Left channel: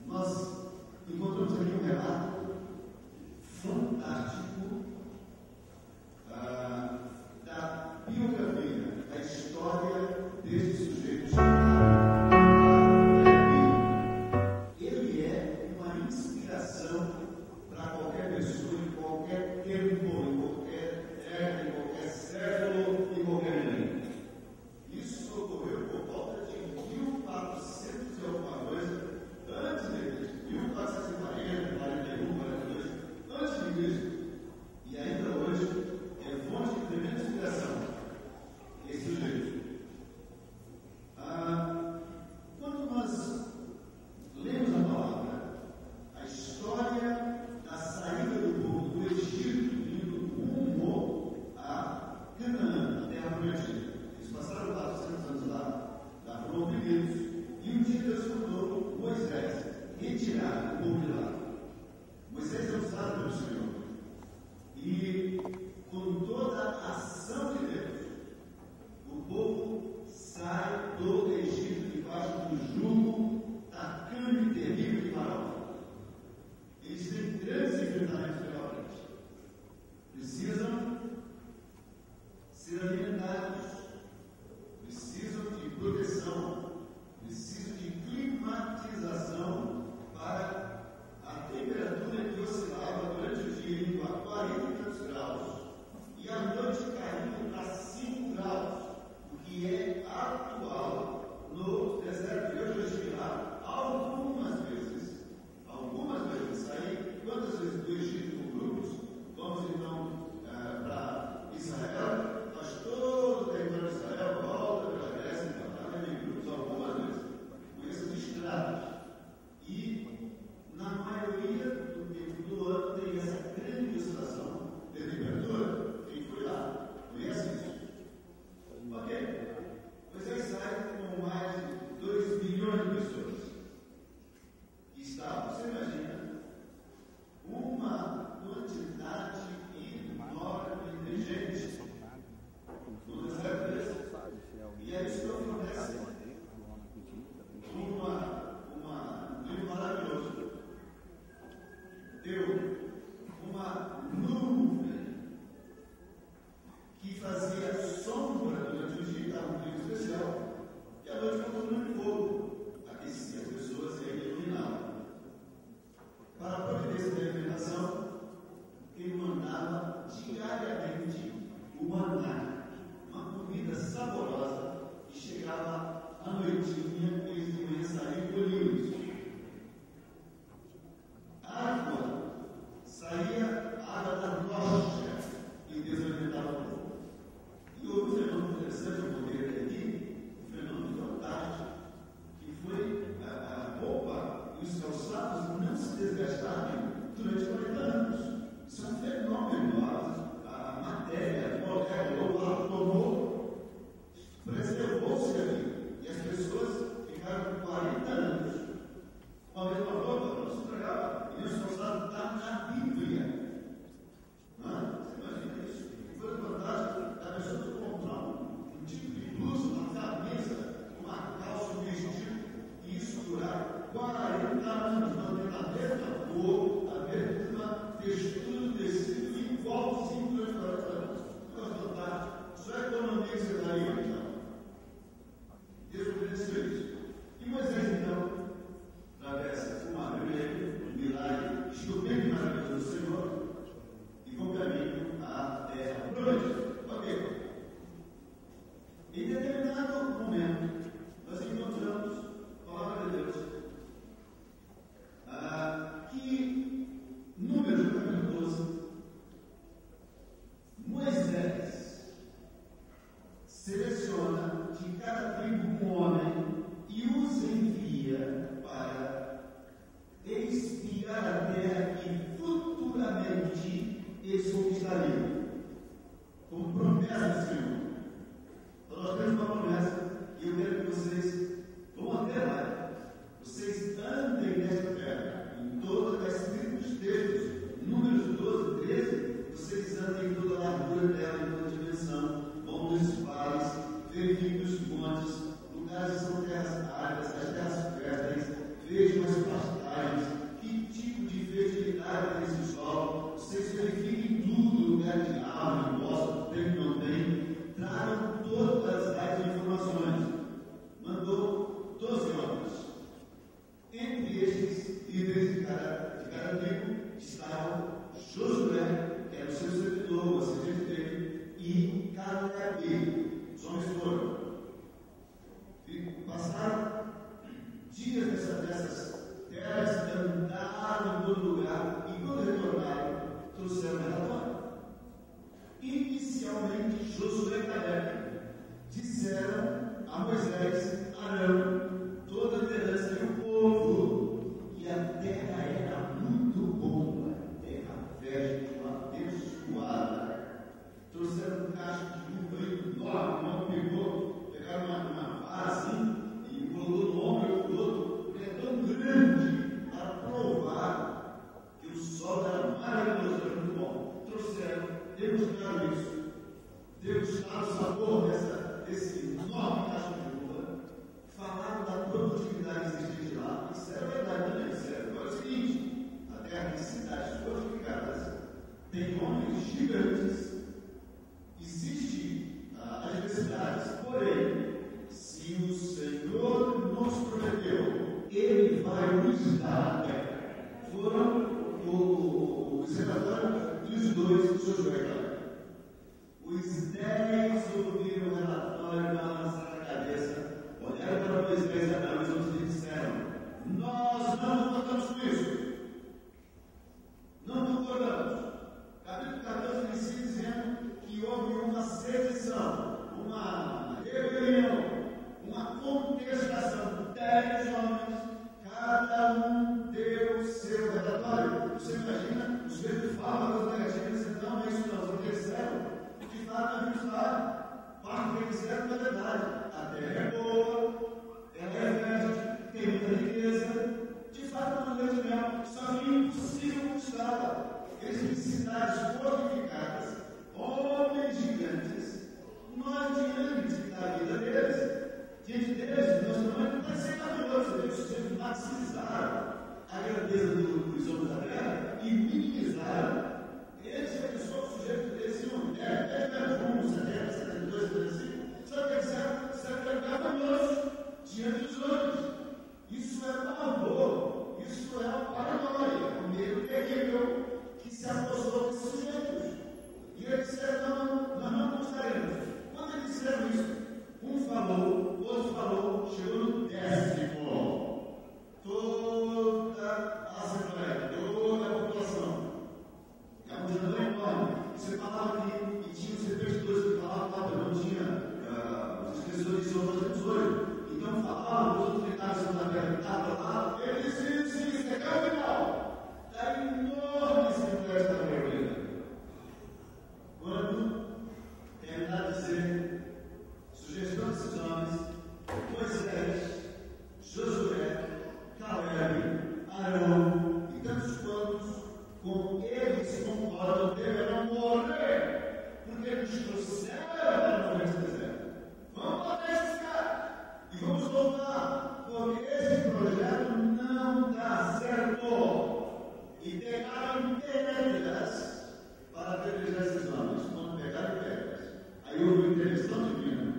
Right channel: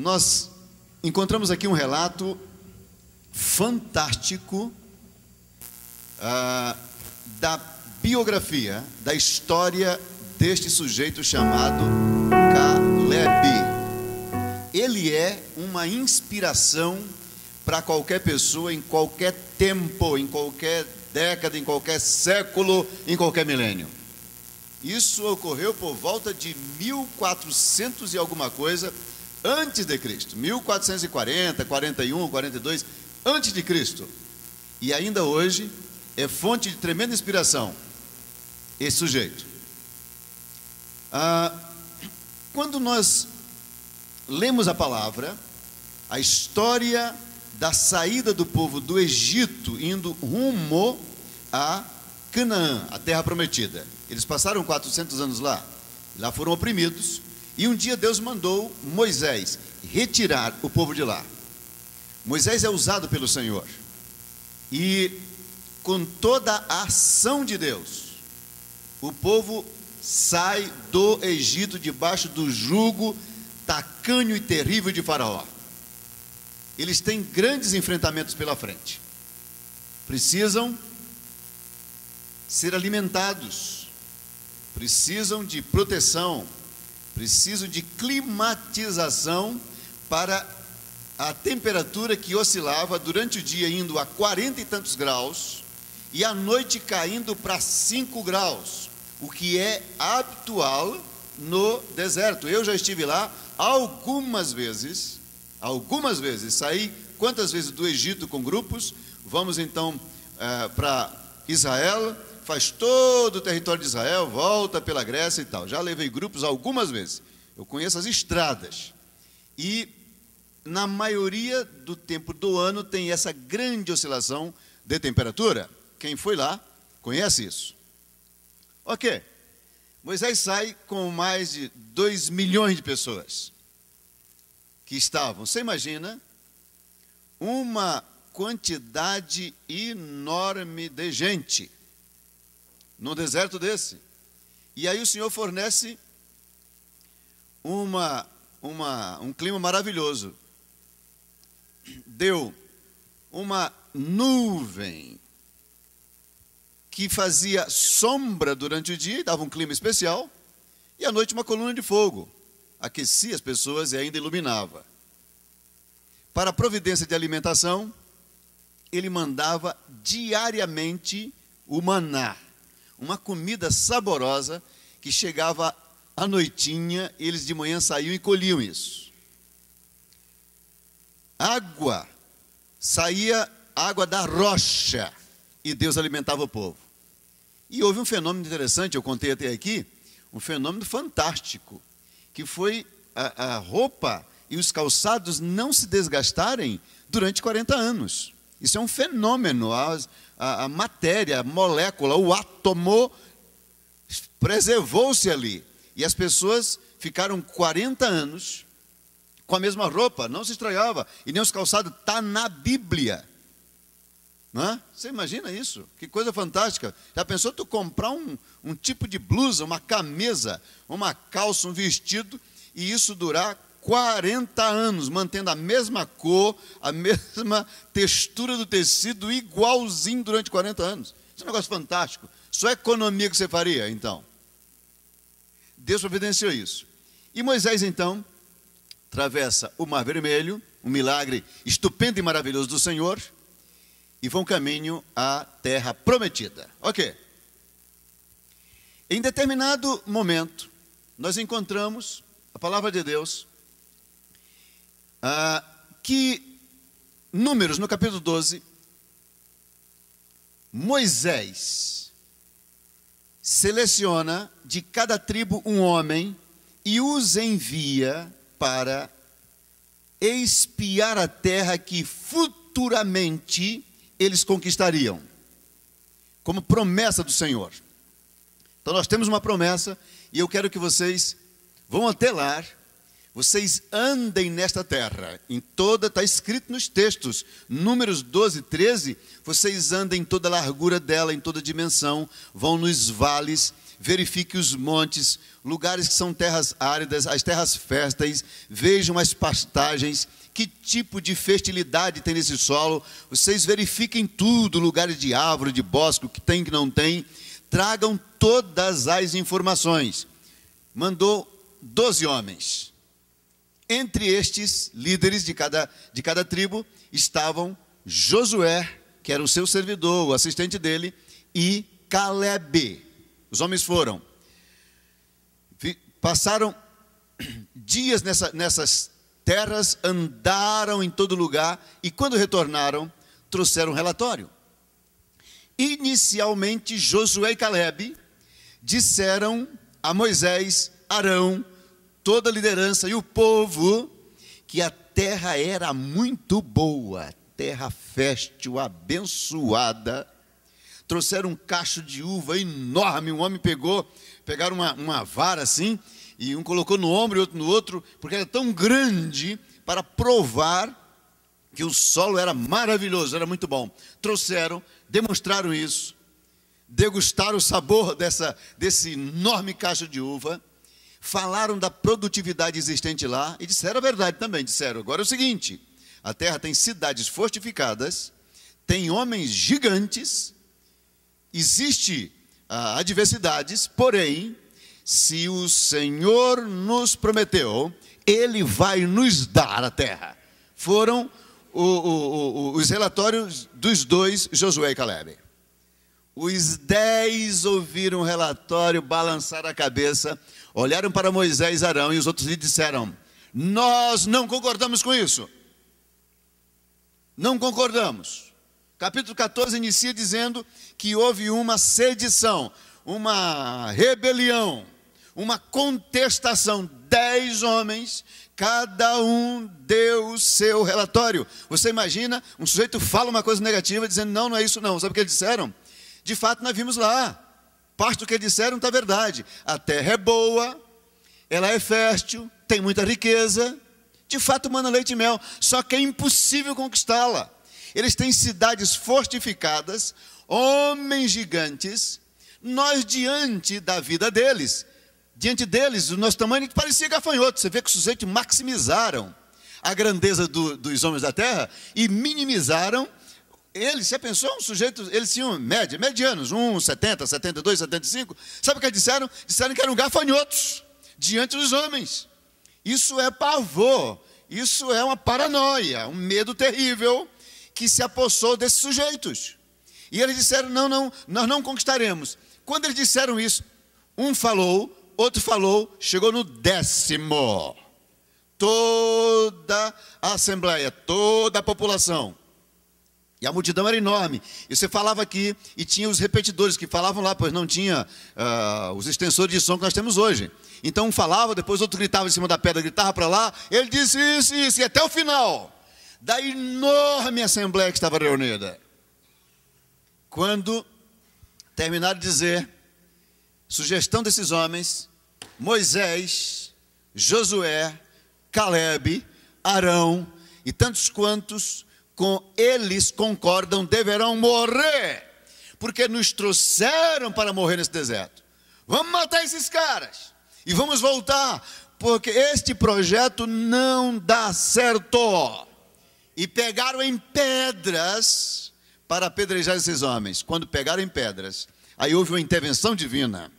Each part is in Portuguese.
Nós encontramos aqui um relato fantástico da biografia, da história deste sujeito chamado Caleb. Ele é uma inspiração para qualquer pessoa, em qualquer tempo, em qualquer década, em qualquer século, em qualquer milênio. Isso ocorreu por volta de 1400 e alguma coisa antes de Cristo, 1440, 41, 42 antes de Cristo. E ainda hoje é fonte de tremenda inspiração esse sujeito. Quando nós lemos a palavra, a história da saída do povo do Egito indo rumo a Canaã, a terra prometida. Eles passaram 400 anos lá foram oprimidos, e um dia Deus mandou Moisés retirar o povo de lá. Moisés é usado pelo Senhor, e com toda a ação de Deus, o povo sai do Egito debaixo do jugo tacanho e terrível de Faraó. Eles têm grandes enfrentamentos pela frente, precisam ser alimentados, precisam de proteção, precisam de climatização para a temperatura que oscilava durante o dia indo a 40 e tantos graus e à noite caindo para 5 graus, o que é habitual no deserto. Eu já estive lá algumas vezes, saí quantas vezes do Egito com grupos, vamos então para Israel, faz todo o território de Israel, volta pela Grécia e tal. Já levei grupos algumas vezes, eu conheço as estradas, e na maioria do tempo do ano tem essa grande oscilação de temperatura. Quem foi lá conhece isso. Ok, Moisés sai com mais de 2 milhões de pessoas que estavam, você imagina, uma quantidade enorme de gente no deserto desse. E aí o Senhor fornece um clima maravilhoso. Deu uma nuvem que fazia sombra durante o dia e dava um clima especial, e à noite uma coluna de fogo aquecia as pessoas e ainda iluminava. Para a providência de alimentação, ele mandava diariamente o maná, uma comida saborosa que chegava à noitinha, e eles de manhã saíam e colhiam isso. Água, saía água da rocha, e Deus alimentava o povo. E houve um fenômeno interessante, eu contei até aqui, um fenômeno fantástico, que foi a roupa e os calçados não se desgastarem durante 40 anos. Isso é um fenômeno. A matéria, a molécula, o átomo preservou-se ali, e as pessoas ficaram 40 anos com a mesma roupa, não se estragava, e nem os calçados. Está na Bíblia, não é? Você imagina isso? Que coisa fantástica. Já pensou tu comprar um tipo de blusa, uma camisa, uma calça, um vestido, e isso durar 40 anos, mantendo a mesma cor, a mesma textura do tecido, igualzinho durante 40 anos. Isso é um negócio fantástico. Só economia que você faria, então. Deus providenciou isso. E Moisés, então, atravessa o Mar Vermelho, um milagre estupendo e maravilhoso do Senhor, e vão caminho à terra prometida. Ok. Em determinado momento, nós encontramos a palavra de Deus, que Números, no capítulo 12, Moisés seleciona de cada tribo um homem e os envia para espiar a terra que futuramente eles conquistariam, como promessa do Senhor. Então nós temos uma promessa, e eu quero que vocês vão até lá, vocês andem nesta terra, em toda, está escrito nos textos, Números 12, 13, vocês andem em toda a largura dela, em toda a dimensão, vão nos vales, verifiquem os montes, lugares que são terras áridas, as terras férteis, vejam as pastagens, que tipo de fertilidade tem nesse solo, vocês verifiquem tudo, lugares de árvore, de bosque, o que tem, que não tem, tragam todas as informações. Mandou 12 homens. Entre estes líderes de cada tribo estavam Josué, que era o seu servidor, o assistente dele, e Calebe. Os homens foram, passaram dias nessas terras, andaram em todo lugar, e quando retornaram, trouxeram um relatório. Inicialmente, Josué e Calebe disseram a Moisés, Arão, toda a liderança e o povo, que a terra era muito boa, terra fértil, abençoada. Trouxeram um cacho de uva enorme, um homem pegaram uma vara assim, e um colocou no ombro e outro no outro, porque era tão grande, para provar que o solo era maravilhoso, era muito bom. Trouxeram, demonstraram isso, degustaram o sabor desse enorme cacho de uva, falaram da produtividade existente lá, e disseram a verdade também, disseram, agora é o seguinte, a terra tem cidades fortificadas, tem homens gigantes, existe adversidades, porém, se o Senhor nos prometeu, Ele vai nos dar a terra. Foram os relatórios dos dois, Josué e Calebe. Os 10 ouviram o relatório, balançaram a cabeça, olharam para Moisés e Arão, e os outros lhe disseram, nós não concordamos com isso, não concordamos. Capítulo 14 inicia dizendo que houve uma sedição, uma rebelião, uma contestação. 10 homens, cada um deu o seu relatório. Você imagina, um sujeito fala uma coisa negativa, dizendo, não é isso não. Sabe o que eles disseram? De fato, nós vimos lá, parte do que eles disseram está verdade. A terra é boa, ela é fértil, tem muita riqueza, de fato manda leite e mel, só que é impossível conquistá-la. Eles têm cidades fortificadas, homens gigantes, nós diante da vida deles, diante deles, o nosso tamanho parecia gafanhoto. Você vê que os sujeitos maximizaram a grandeza dos homens da terra e minimizaram eles. Você pensou, um sujeito, eles tinham medianos, 1,70, 72, 75, sabe o que eles disseram? Disseram que eram gafanhotos diante dos homens. Isso é pavor, isso é uma paranoia, um medo terrível que se apossou desses sujeitos. E eles disseram, não, nós não conquistaremos. Quando eles disseram isso, um falou, outro falou, chegou no 10º. Toda a assembleia, toda a população, e a multidão era enorme, e você falava aqui, e tinha os repetidores que falavam lá, pois não tinha os extensores de som que nós temos hoje. Então um falava, depois outro gritava em cima da pedra, gritava para lá, ele disse isso, e até o final da enorme assembleia que estava reunida. Quando terminaram de dizer, sugestão desses homens, Moisés, Josué, Calebe, Arão e tantos quantos com eles concordam, deverão morrer, porque nos trouxeram para morrer nesse deserto. Vamos matar esses caras e vamos voltar, porque este projeto não dá certo. E pegaram em pedras para apedrejar esses homens. Quando pegaram em pedras, aí houve uma intervenção divina,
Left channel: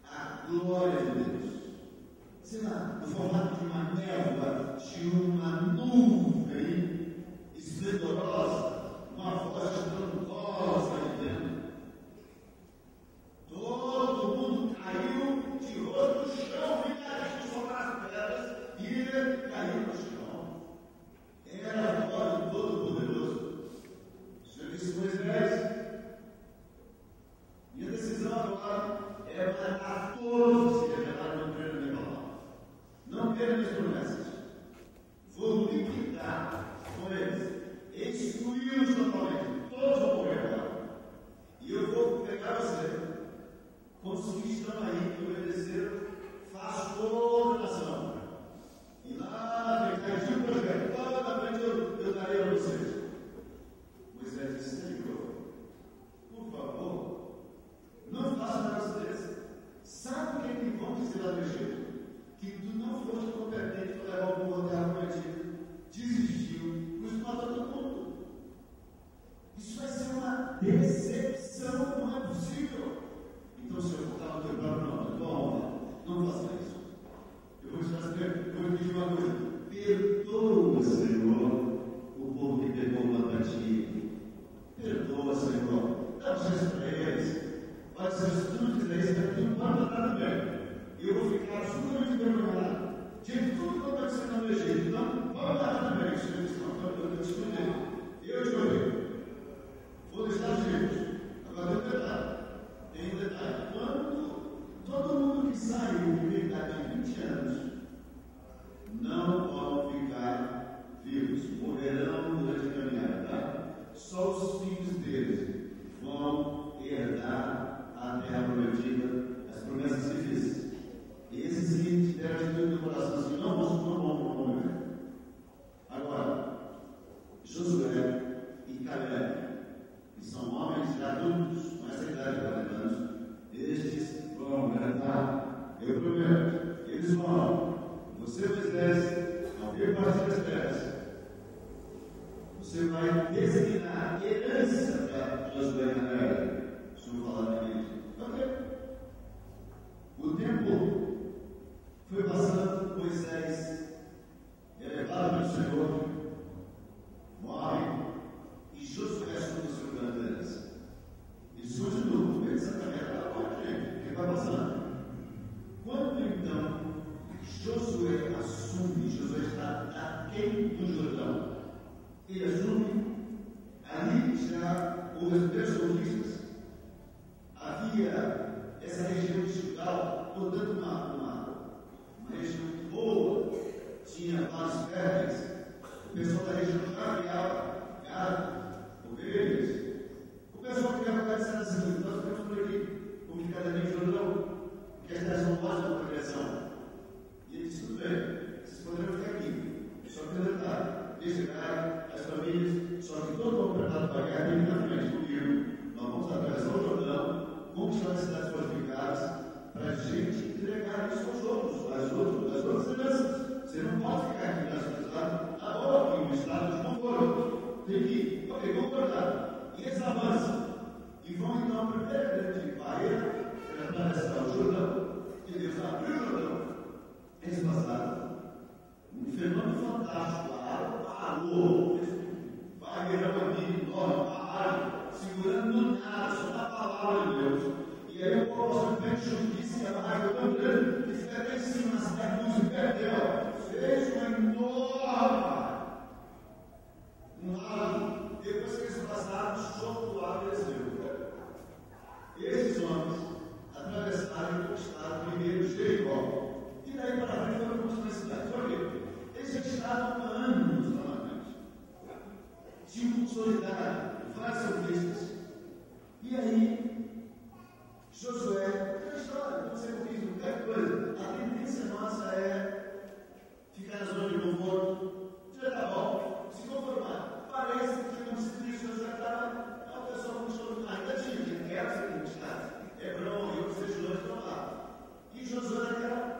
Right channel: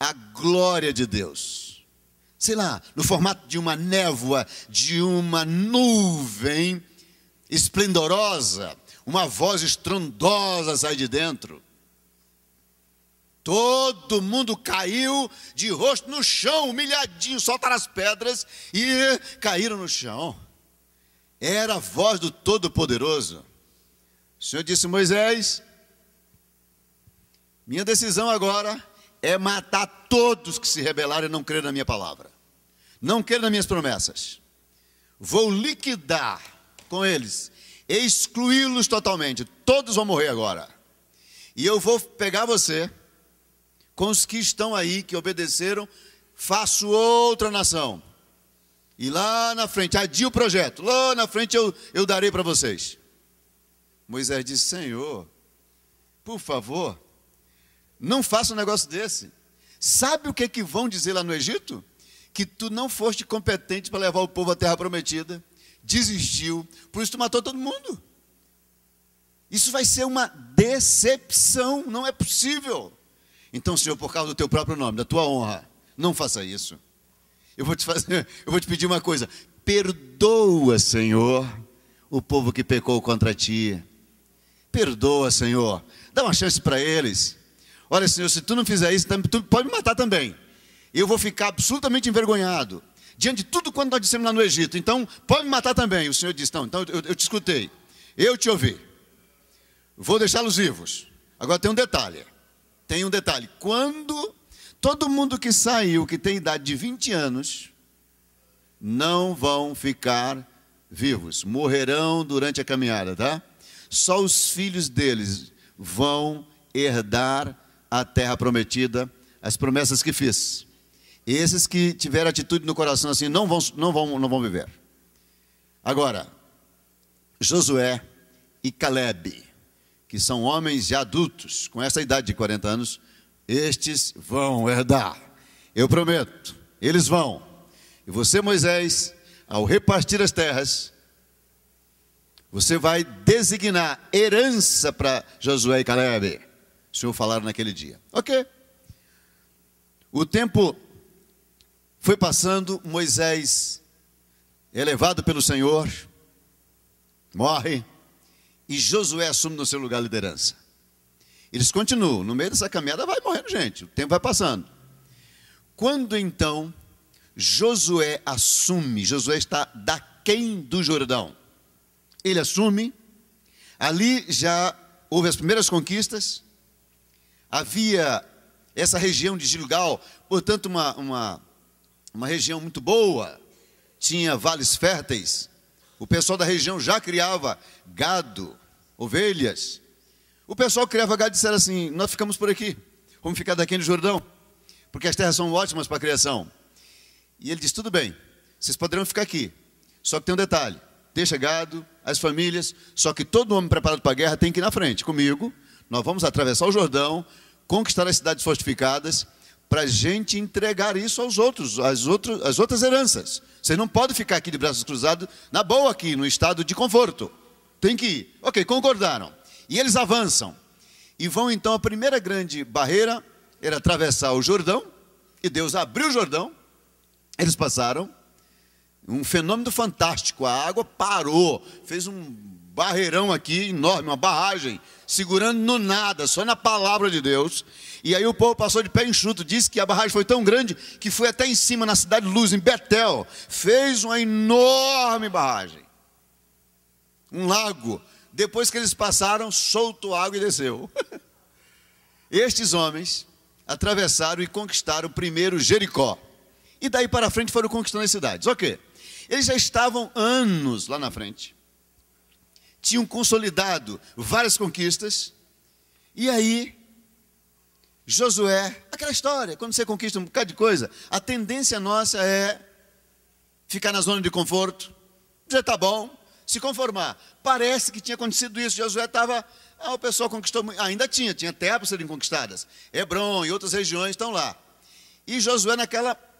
a glória de Deus, sei lá, no formato de uma névoa, de uma nuvem esplendorosa, uma voz estrondosa sai de dentro. Todo mundo caiu de rosto no chão, humilhadinho, soltaram as pedras e caíram no chão. Era a voz do Todo-Poderoso. O Senhor disse, Moisés, minha decisão agora é matar todos que se rebelarem e não crerem na minha palavra, não crerem nas minhas promessas. Vou liquidar com eles, excluí-los totalmente, todos vão morrer agora. E eu vou pegar você, com os que estão aí, que obedeceram, faço outra nação. E lá na frente, adia o projeto, lá na frente eu darei para vocês. Moisés disse, Senhor, por favor, não faça um negócio desse. Sabe o que é que vão dizer lá no Egito? Que tu não foste competente para levar o povo à terra prometida, desistiu, por isso tu matou todo mundo. Isso vai ser uma decepção, não é possível. Então, Senhor, por causa do teu próprio nome, da tua honra, não faça isso. Eu vou te pedir uma coisa: perdoa, Senhor, o povo que pecou contra ti. Perdoa, Senhor, dá uma chance para eles. Olha, Senhor, se tu não fizer isso, tu pode me matar também. Eu vou ficar absolutamente envergonhado diante de tudo quanto nós dissemos lá no Egito. Então, pode me matar também. O Senhor disse: não, então eu te escutei, eu te ouvi, vou deixá-los vivos. Agora tem um detalhe, quando todo mundo que saiu, que tem idade de 20 anos, não vão ficar vivos, morrerão durante a caminhada, tá? Só os filhos deles vão herdar a terra prometida, as promessas que fiz. Esses que tiveram atitude no coração assim, não vão viver. Agora, Josué e Calebe, que são homens já adultos, com essa idade de 40 anos, estes vão herdar. Eu prometo, eles vão. E você, Moisés, ao repartir as terras, você vai designar herança para Josué e Calebe. O Senhor falaram naquele dia. Ok. O tempo foi passando, Moisés é levado pelo Senhor, morre, e Josué assume no seu lugar a liderança. Eles continuam, no meio dessa caminhada vai morrendo gente, o tempo vai passando. Quando então Josué assume, Josué está daquém do Jordão, ele assume, ali já houve as primeiras conquistas, havia essa região de Gilgal, portanto uma região muito boa, tinha vales férteis, o pessoal da região já criava gado, ovelhas. O pessoal que criava gado disseram assim: nós ficamos por aqui, vamos ficar daqui no Jordão, porque as terras são ótimas para a criação. E ele disse: tudo bem, vocês poderão ficar aqui, só que tem um detalhe, deixa gado, as famílias, só que todo homem preparado para a guerra tem que ir na frente comigo. Nós vamos atravessar o Jordão, conquistar as cidades fortificadas, para a gente entregar isso aos outros, as outras heranças. Vocês não podem ficar aqui de braços cruzados, na boa aqui, no estado de conforto, tem que ir. Ok, concordaram, e eles avançam, e vão então, a primeira grande barreira era atravessar o Jordão, e Deus abriu o Jordão, eles passaram, um fenômeno fantástico, a água parou, fez um barreirão aqui, enorme, uma barragem, segurando no nada, só na palavra de Deus. E aí o povo passou de pé enxuto, disse que a barragem foi tão grande, que foi até em cima, na cidade de Luz, em Betel, fez uma enorme barragem, um lago. Depois que eles passaram, soltou água e desceu. Estes homens atravessaram e conquistaram primeiro Jericó, e daí para frente foram conquistando as cidades. Ok, eles já estavam anos lá na frente, tinham consolidado várias conquistas. E aí Josué, aquela história, quando você conquista um bocado de coisa, a tendência nossa é ficar na zona de conforto, já está bom, se conformar. Parece que tinha acontecido isso. Josué estava, o pessoal conquistou, ainda tinha terras para serem conquistadas, Hebrom e outras regiões estão lá, e Josué naquela